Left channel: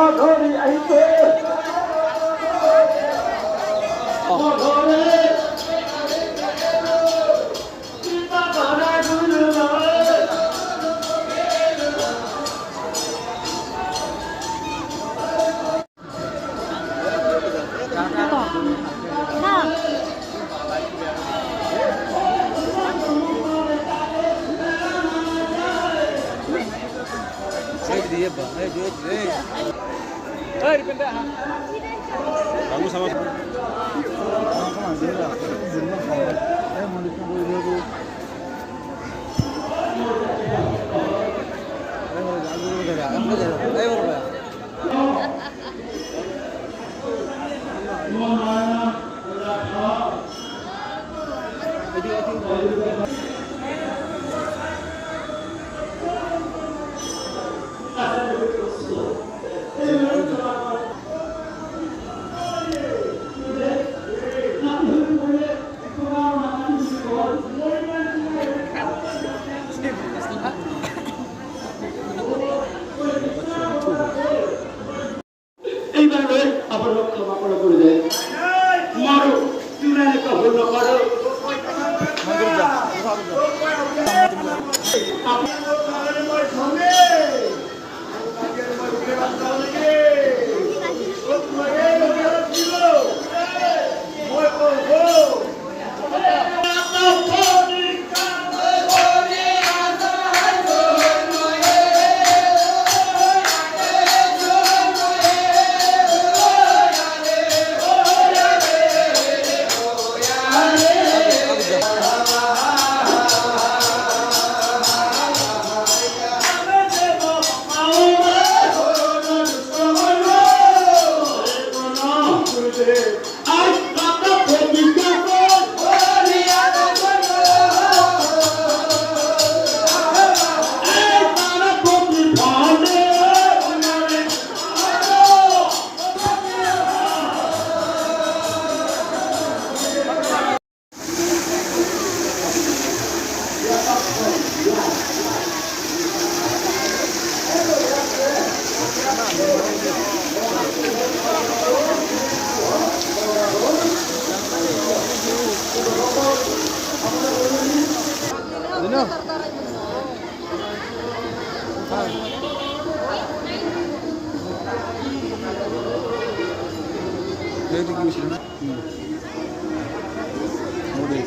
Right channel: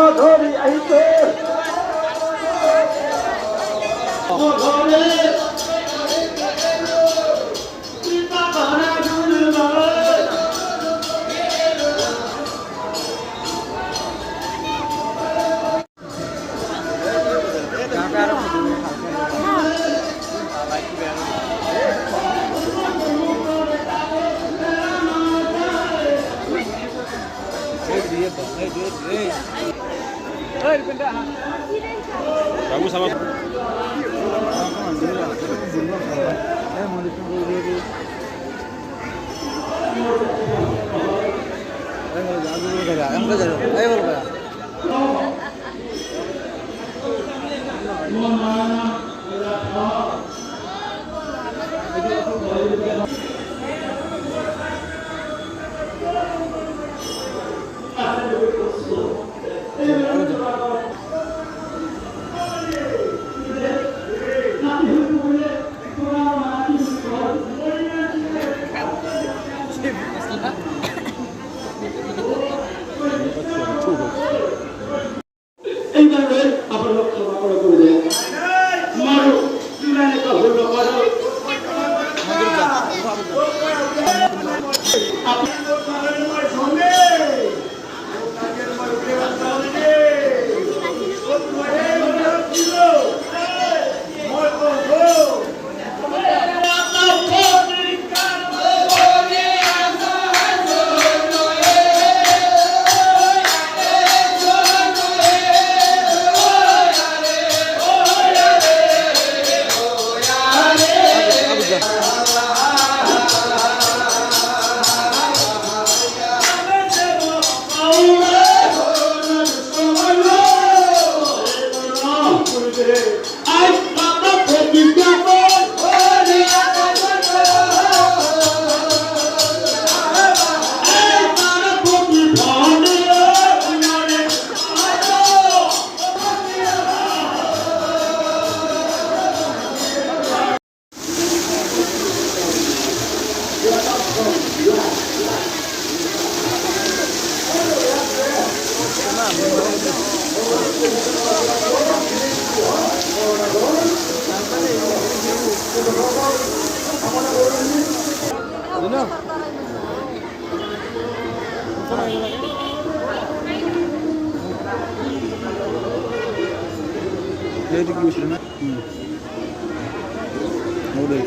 অধরি আইতে অধরে কৃপা করে গুরু বাবা bagus sama এইভাবে আপনারা ক্ষমা করে দেন মারো চূড়ানে কাপড় মারো Itu dulu sini. Model.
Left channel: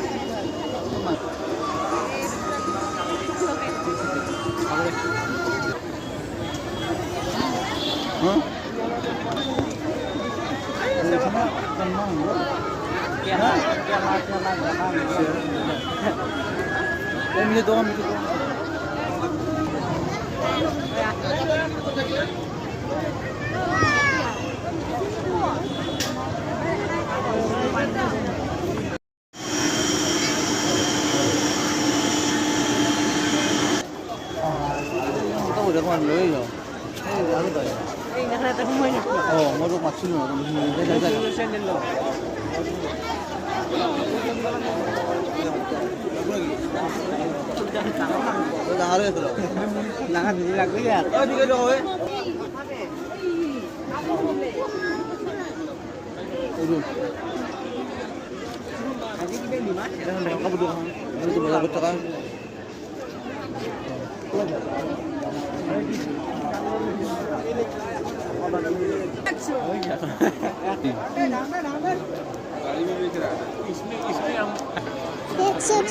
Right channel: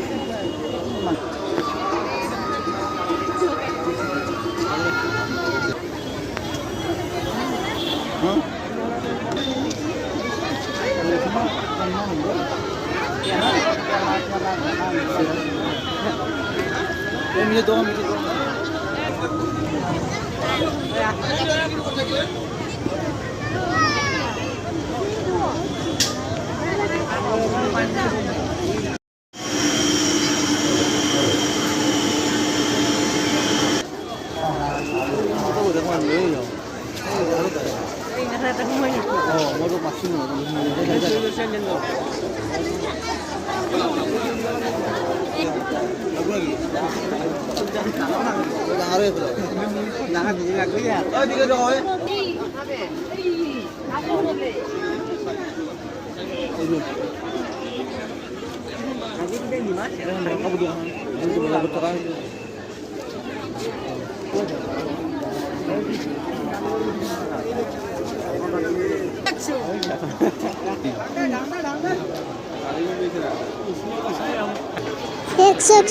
Ini dong. Baru maksimal. Sek.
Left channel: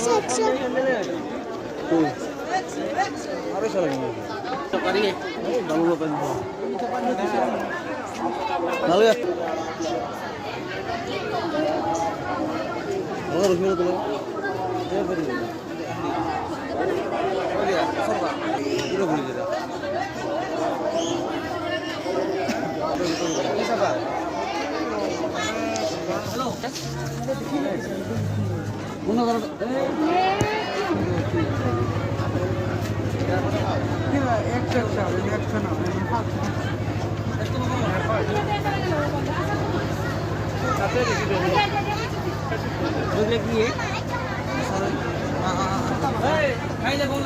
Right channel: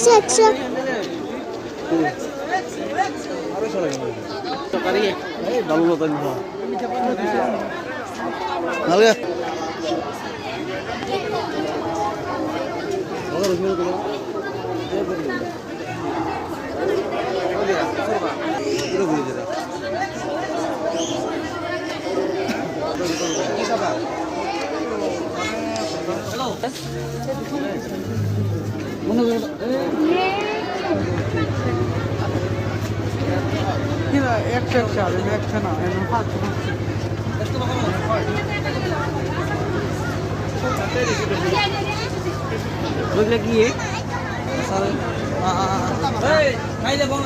Look lagi ya. Hey, kaya bang.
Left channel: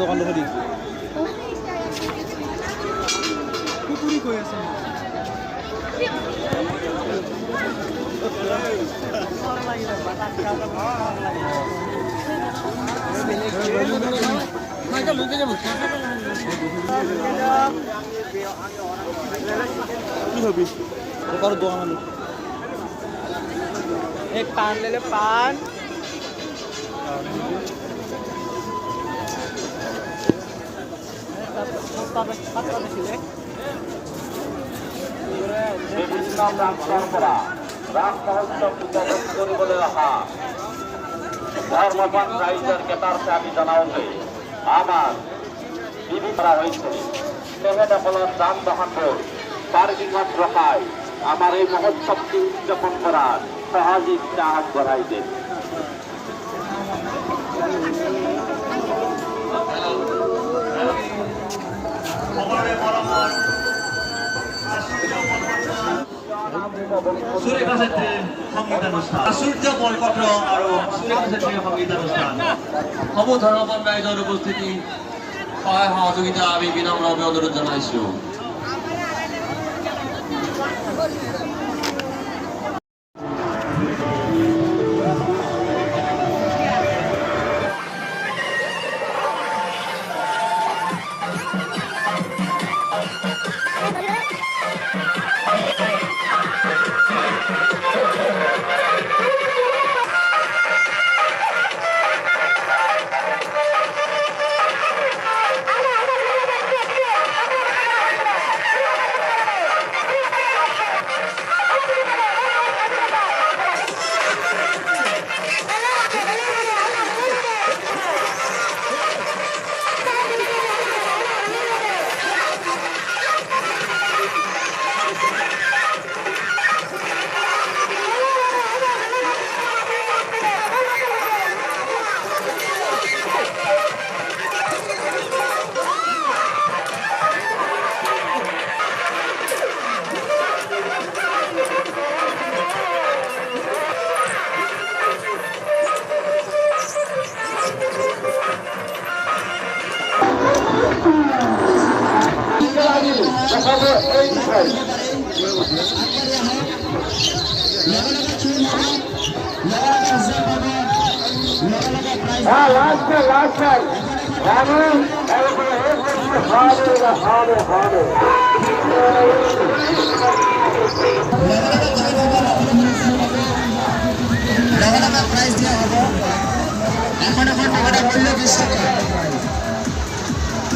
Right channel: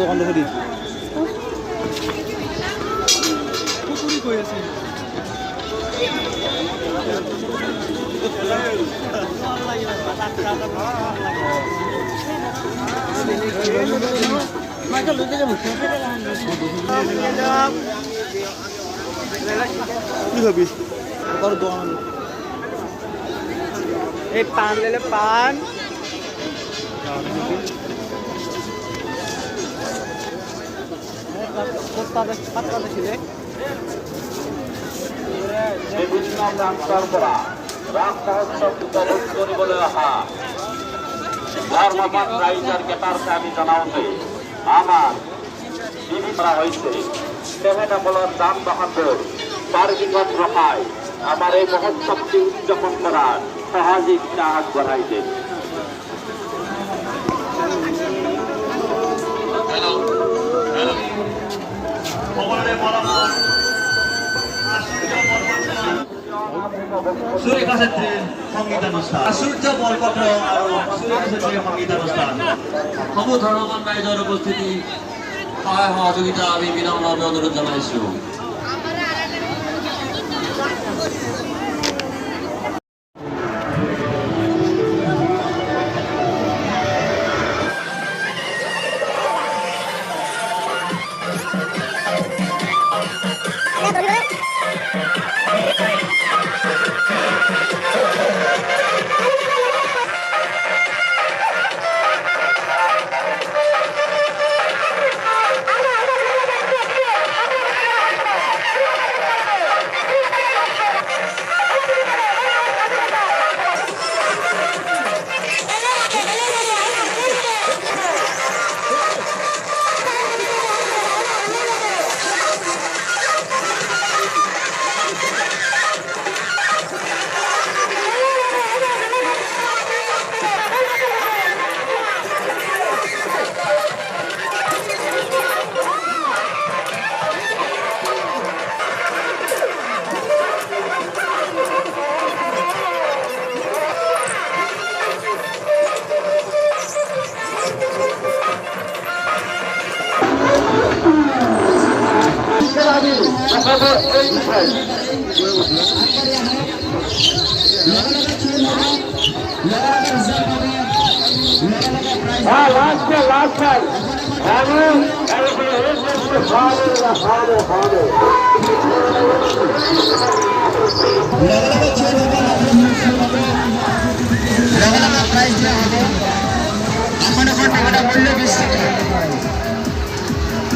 দোকানটা ফেরি পুকুরি কই আছে কি খাবি ওর দোকান एक पान ले ले पान রাস্তা উৎসব উপভোগ কৰিবলৈ অহা ধৰ্মপথ ৰাইজৰ কেইটাৰ আমি জনাওঁতে আমাৰ বিধি কৰা হৈছে তেখেতসকলৰ দাম দহনবোৰ পাৰ্কিঙত ৰখাই আমাৰ এই মহোৎসৱটি উদযাপন কৰাৰ সহযোগিতা আগবঢ়াই দিম। সুৰেখা চেত্ৰীৰ সংগীতানুষ্ঠান আচুৰ্য বৰপত্ৰ আৰু সুৰেখা চেত্ৰীৰ সংগীতানুষ্ঠান সমূহ ধৰ্মৱান ৰাইজৰ উপস্থিতি সহায় সহযোগিতা আমি বিনম্ৰভাৱে অনুৰোধ জনাইছো।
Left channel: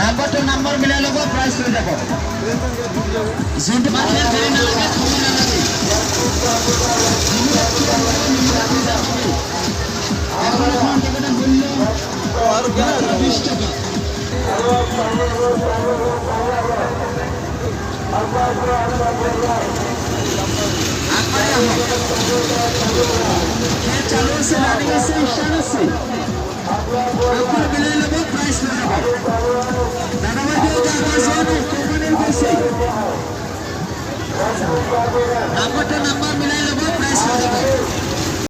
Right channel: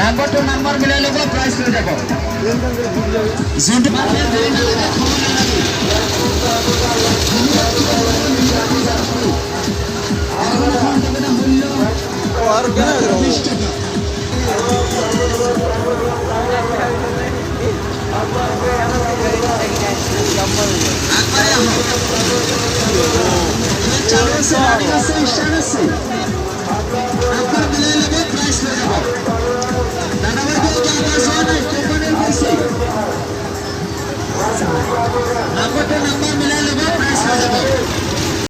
নাম্বাৰটো নাম্বাৰ মিলাই ল'ব, প্ৰাইজ লৈ যাব। যোনটো মানুহে দেৰি নালাগে, থ'ব নালাগে। এখন টিকেটৰ মূল্য 20 টকা। আগবাঢ়ি আহক। খেল চালু আছে, ৰানিং আছে, ষ্টাৰ্ট আছে। আপনার মিলাই ল'ব, প্ৰাইজ লৈ